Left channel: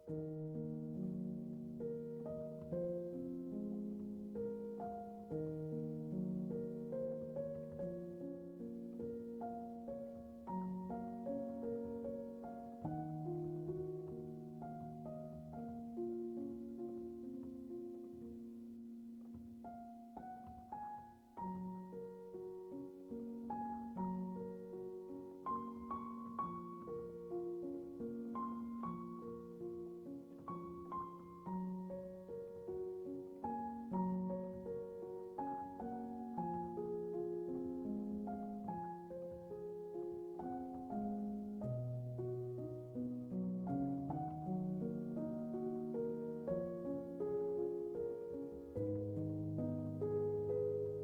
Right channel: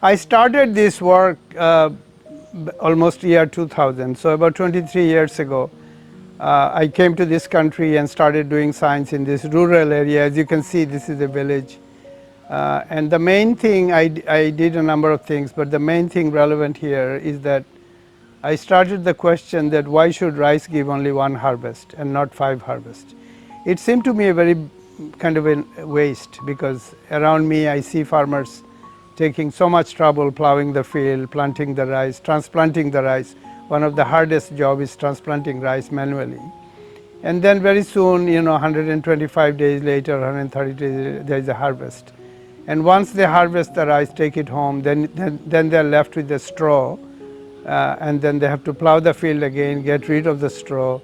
I started this work almost year 2000, so about 23 years ago. I came to this country and started doing science in this rural area. As you can see, this is a village. And the main thing, I did a number of things, but the main thing relevant here is that I started the question that why should rice give only one harvest and not 5 harvests? It seemed to me a very kind of a waste, because around me I see farmers taking so much trouble plowing the field, planting the rice, transplanting the rice. One of the hardest jobs is transplanting rice manually. And then very soon, 125 days later, 130 days, there is a harvest. And once they harvest the rice, take it home, then they're left with the straw. And then they have to plow the field again, get rid of the straw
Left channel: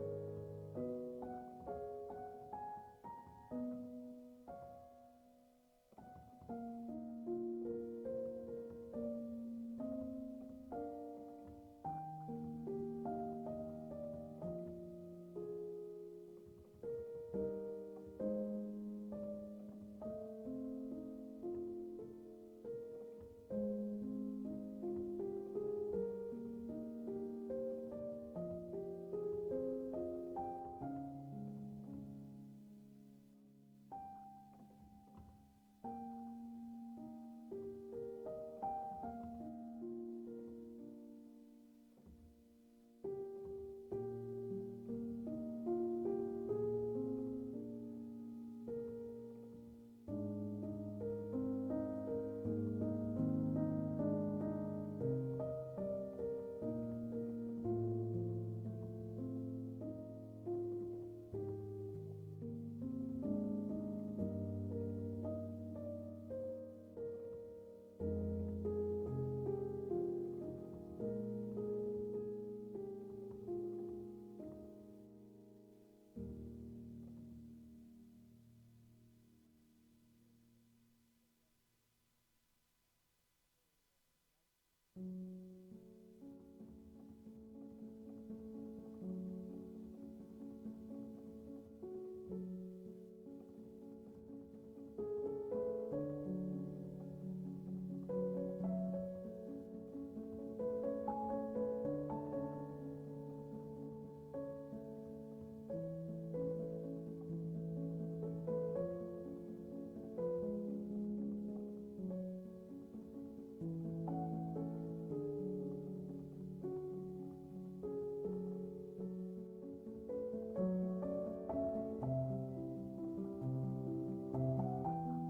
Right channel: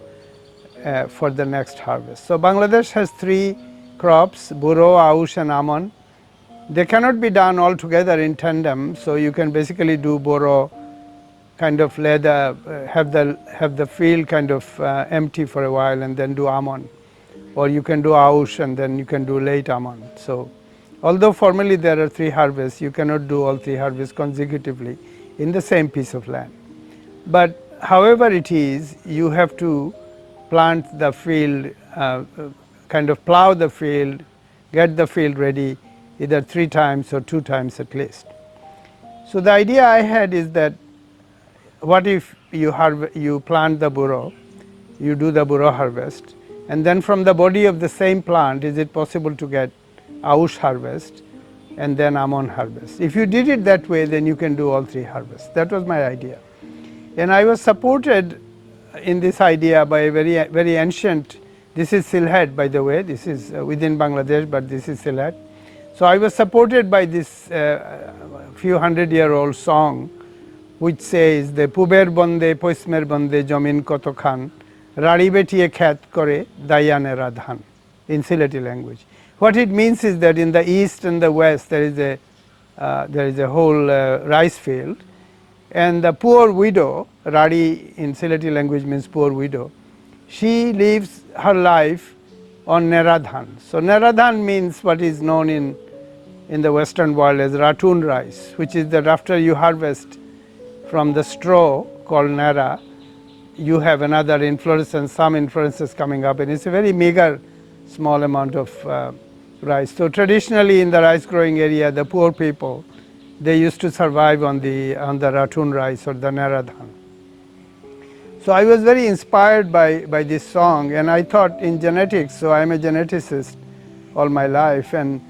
for the next harvest. So Bangladesh has 3 crops, buro, aush and almond. They cannot be done all together in tandem, so you can basically do buro, kind of have the field kind of empty for a while and then do almond. Or you can do aush and then you can do late almond. So although formally there are 3 harvests, you cannot do all 3 harvests consecutively in the same piece of land. But however it is, you have to plant the field, kind of plow the field, get the field ready either 3 times or 2 times at least. So the idea I had is that what if you plant the buro, you do the buro harvest, and then from the body of the same plant, is it possible to get aush harvest and then almond harvest? If you did it that way, then you can do all 3 harvests. That was my idea. And I was supported in this idea by a very ancient, this is Sylhet, by the way, this is within Bangladesh, but this is Sylhet. So I was supported by this few 100-year-old song, which says, "The puber bonde, poismer bonde, jomin koto khan, rari betiye khat kore, dayane radhan," in Sylheti language. What it means is that in the east and the west there is a whole rice field, and the poor widow, rari in Sylheti language means poor widow, she lives her life on neradhan. So neradhan means what is known in the western world as ratun rice, which is that after you harvest from the straw called nera, you have another inflorescence, some inflorescences coming up, and it's a very meager small amount of rice. So traditionally in the rice growing area, the poor people, they used to survive on the ratun rice or the neradhan. So I was very inspired by this song, and I thought in genetics, so I'm a geneticist all my life, and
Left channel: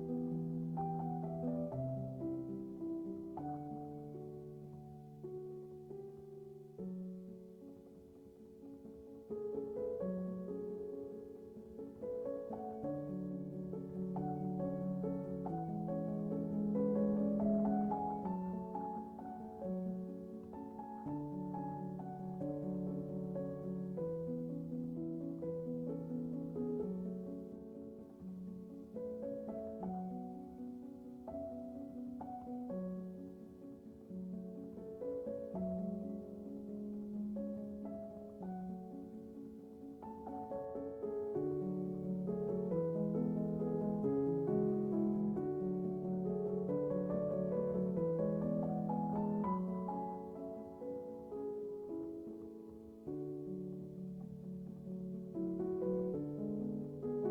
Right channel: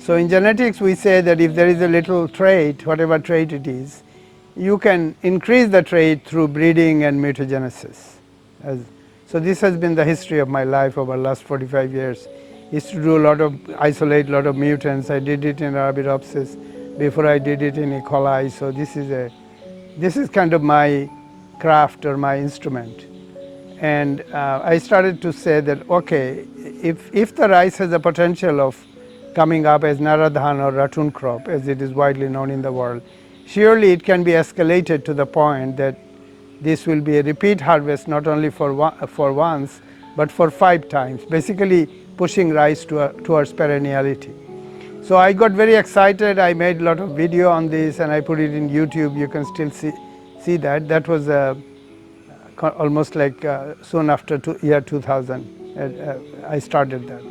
so in genetics we say that if there is a little trait, whatever trait it is, you can increase the trait through breeding and mutagenesis. So this has been the history of my life over the last 45 years. Is to do isolate a lot of mutants. I did it in Arabidopsis before I did it in E. coli. So this is kind of my craft or my instrument. And I started to say that, okay, if the rice has the potential of coming up as naradhan or ratun crop, as it is widely known in the world, surely it can be escalated to the point that this will be a repeat harvest, not only for once, but for 5 times, basically pushing rice towards perenniality. So I got very excited. I made a lot of video on this and I put it in YouTube. You can still see that. That was almost like soon after year 2000, I started that.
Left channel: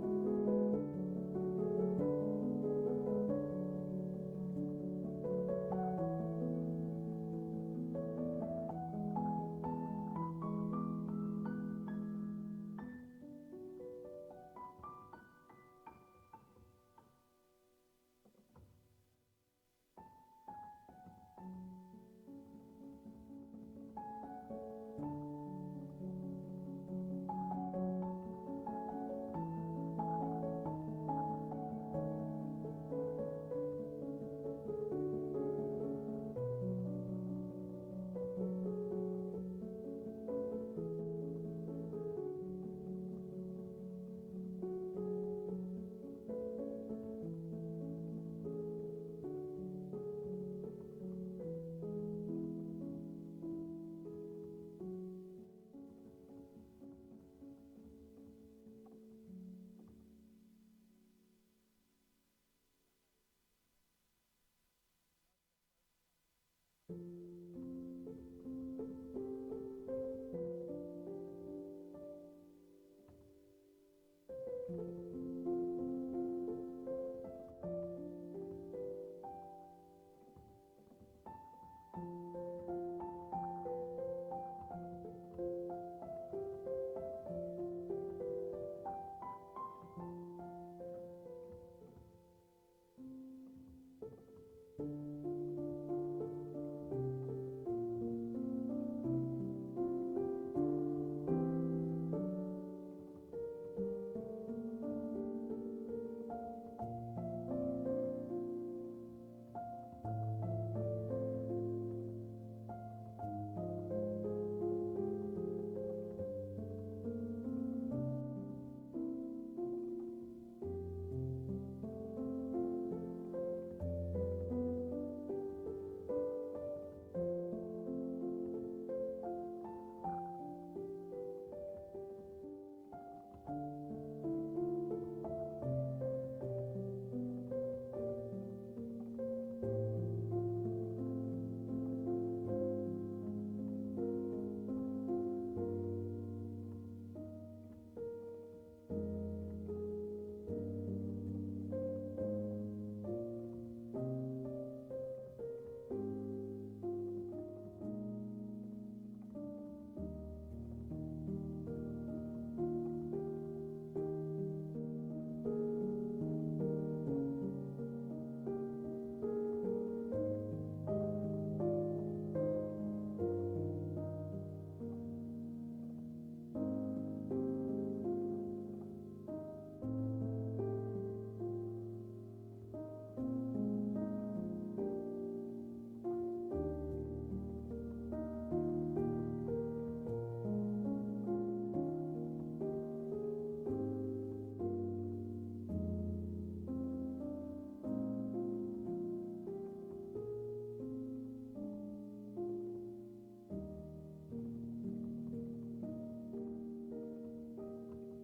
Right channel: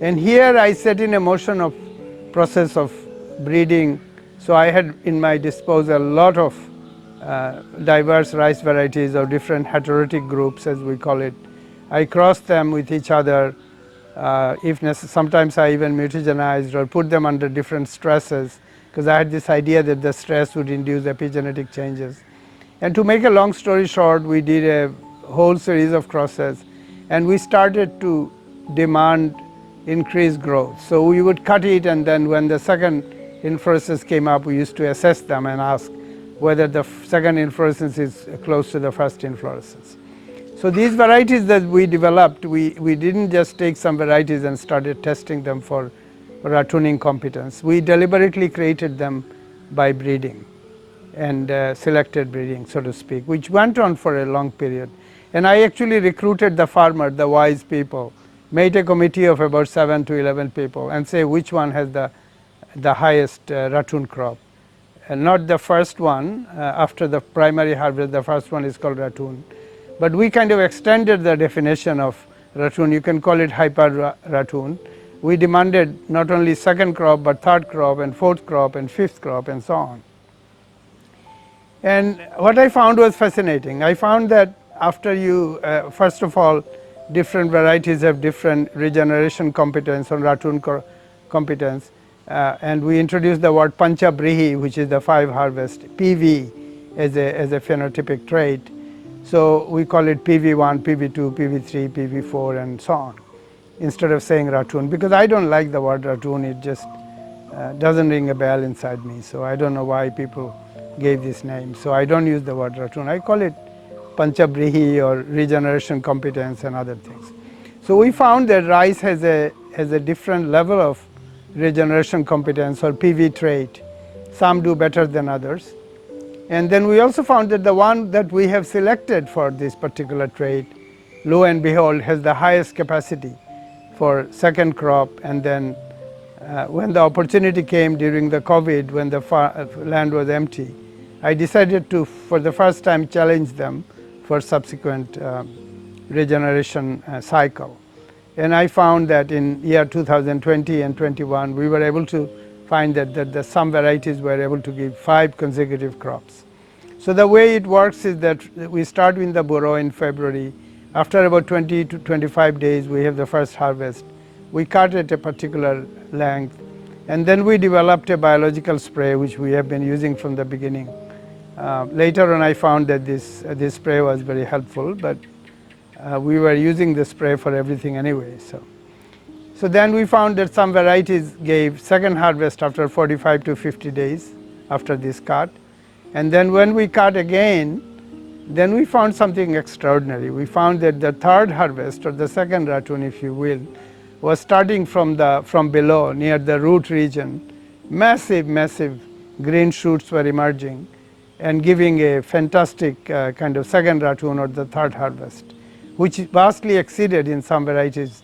And here I set in a motion of process of breeding. So I had in my disposal a lot of diverse rice varieties of different heterotic groups, as we call it. I crossed them with each other. If necessary, sometimes I even mutagenized or put them under different stresses, because I had this idea that the stress would induce epigenetic changes. And to make a long story short, we did a whole series of crosses, and we started to demand increased growth. So we would cut it, and then when the second inflorescence came up, we used to assess them and ask whether the second inflorescence is close to the first inflorescence. So these varieties that we developed, we didn't just take some varieties and started testing them for rattuning competence. We deliberately created them by breeding and selected breeding, so to speak, which went on for a long period. And I actually recruited the farmer, the wise people, made a committee of about 7 to 11 people and say which one has the highest ratoon crop. And not the first one, after the primary harvest, the first one is called ratoon. But we kind of extended the definition of ratoon. You can call it hyper ratoon. We demanded not only second crop, but third crop and fourth crop and fifth crop and so on. And what I found was fascinating. I found that after you, first of all, different varieties have different regeneration competence or ratoon competence. And we introduced the word Panchabrihi, which is the 5 harvest, PV as a phenotypic trait. So we call it PV1, PV2, PV3, PV4 and so on, instead of saying ratoon, because I don't like the word ratoon. It just doesn't ring a bell inside me. So I don't know why people gave this name. So I don't use the word ratoon. I call it Panchabrihi or regeneration competence and other things. So we found that rice has a different level of regeneration competence or PV trait. Some do better than others. And then we also found that the one that we have selected for this particular trait, lo and behold, has the highest capacity for second crop. And then when the opportunity came during the COVID, when the land was empty, I decided to, for the first time, challenge them for subsequent regeneration cycle. And I found that in year 2020 and 21, we were able to find that some varieties were able to give 5 consecutive crops. So the way it works is that we start in the burrow in February. After about 20 to 25 days, we have the first harvest. We cut at a particular length, and then we developed a biological spray, which we have been using from the beginning. Later on, I found that this spray was very helpful, but we were using the spray for everything anyway. So then we found that some varieties gave second harvest after 45 to 50 days after this cut. And then when we cut again, then we found something extraordinary. We found that the third harvest, or the second ratoon, if you will, was starting from below, near the root region. Massive green shoots were emerging and giving a fantastic kind of second ratoon or the third harvest, which vastly exceeded in some varieties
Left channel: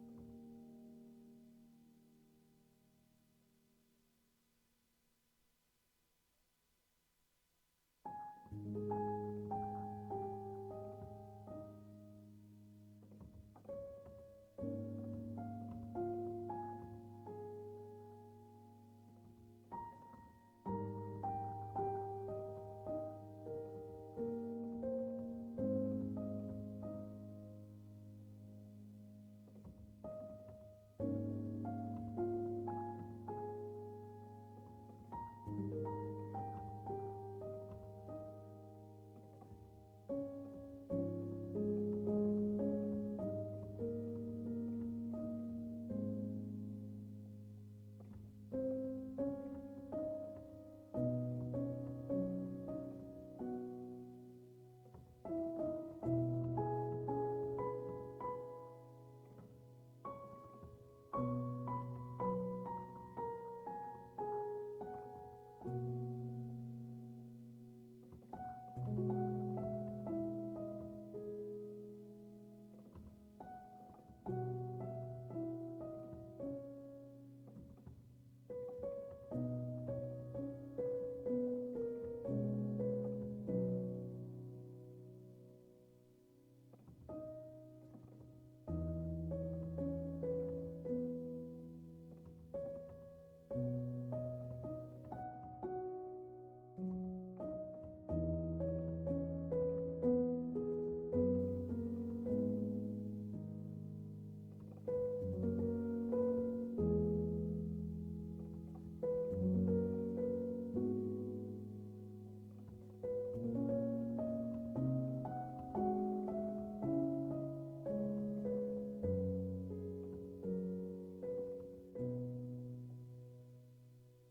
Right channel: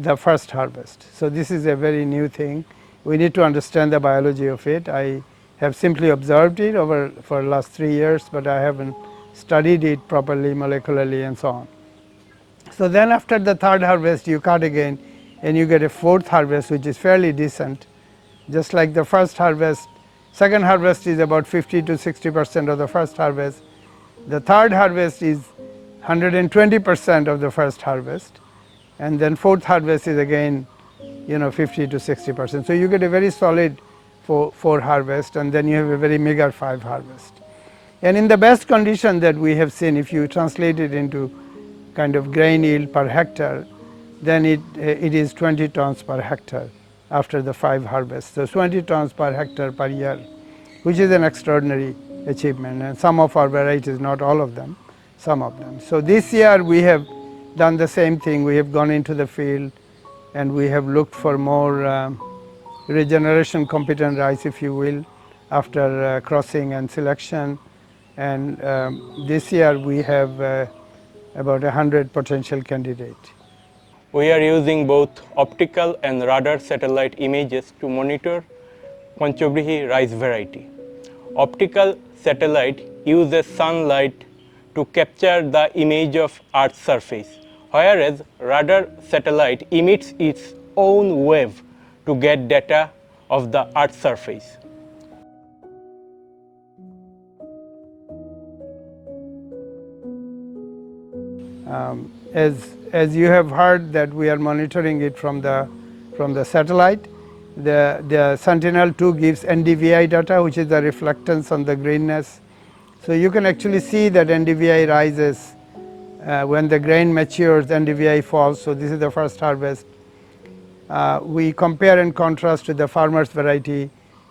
the first harvest. So this is a very new thing. We need to understand the biology of it. I have simply observed it for the last 3 years, but I haven't studied it properly molecularly and so on. So then after the third harvest, you cut again and you get a fourth harvest, which is fairly decent. Just like the first harvest, second harvest is about 50 to 60% of the first harvest. The third harvest is 120% of the first harvest, and then fourth harvest is again 50 to 60%. So you get a very solid 4 harvest, and then you have a very meager 5 harvest. And in the best condition that we have seen, if you translate it into kind of grain yield per hectare, then it is 20 tons per hectare after the 5 harvests. So 20 tons per hectare per year, which is an extraordinary achievement. And some of our varieties, not all of them, some of them. So this year we have done the same thing. We have gone into the field and we have looked for more regeneration competent rice, if you will, after crossing and selection. And this year we have about 100 potential candidates. We are using both optical and radar satellite images to monitor Panchabrihi rice variety. Optical satellite uses sunlight to capture the image of Earth's surface, whereas radar satellite emits its own wave to get data of the Earth's surface. As you have heard that we are monitoring it from the satellite, the Sentinel-2 gives NDVI data, which is the reflectance on the greenness. So you can actually see that NDVI rises when the grain matures, NDVI falls. So this is the first harvest. We compare and contrast with the farmer's variety.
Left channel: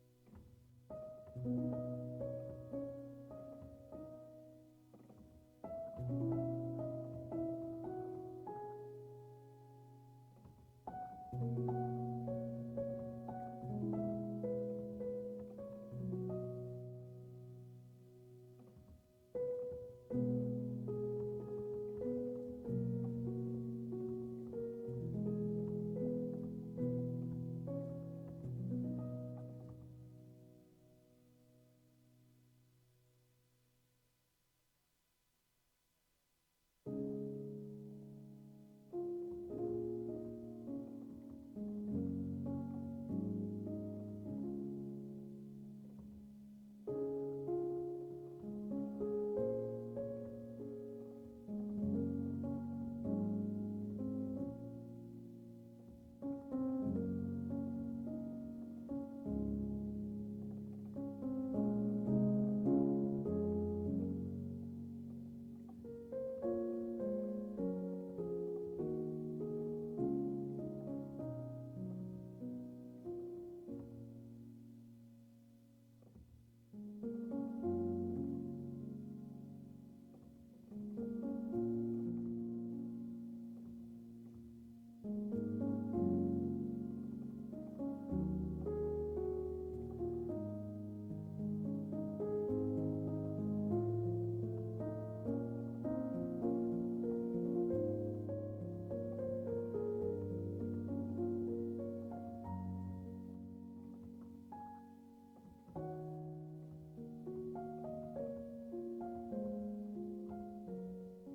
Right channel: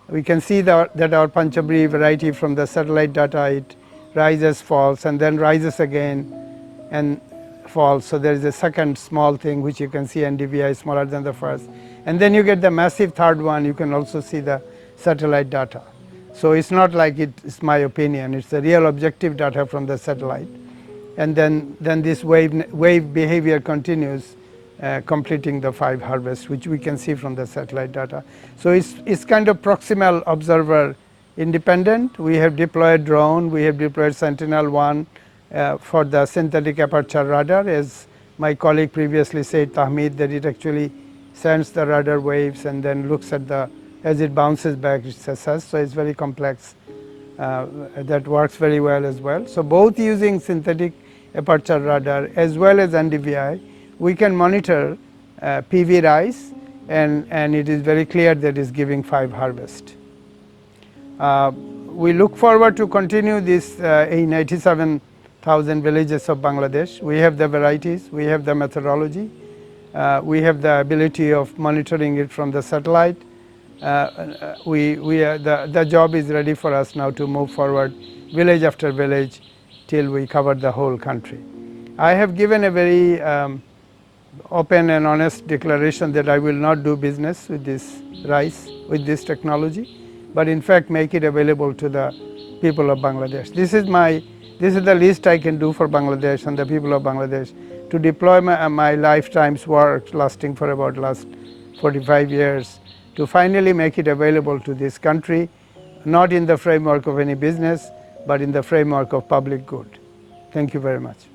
We can see that our Panchabrihi variety from the satellite data, it rises, falls, and then rises again and falls. So there is a second small thing which you can see NDVI is smaller than the first. And then you get the massive third one. You can also see the satellite data. So it's not like it's my opinion. It's the real objective data from the satellite. and then this wave behavior continues, completing the 5 harvests, which we can see from the satellite data. So it's kind of proximal observer independent. We have deployed drone, we have deployed Sentinel-1 for the synthetic aperture radar, as my colleague previously said, Tahmid, that it actually sends the radar waves and then looks at the, as it bounces back, it assesses. So it's very complex. That works very well as well. So both using synthetic aperture radar as well as NDVI, we can monitor PV rise, and it is very clear that it's giving 5 harvest. We look forward to continue this in 87,000 villages of Bangladesh. We have the varieties, we have the methodology, we have the ability of monitoring it from the satellite. The job is ready for us now to move forward village after village till we cover the whole country. I have given a very open and honest declaration that I will not do business with this rice, with this technology, but in fact make it available to the people of Bangladesh. This is the least I can do for Bangladesh and the people of Bangladesh, to deploy my lifetime's work lasting for about last 45 years to finally make it available to this country, not in the framework of any business, but in the framework of public good. Thank you very much.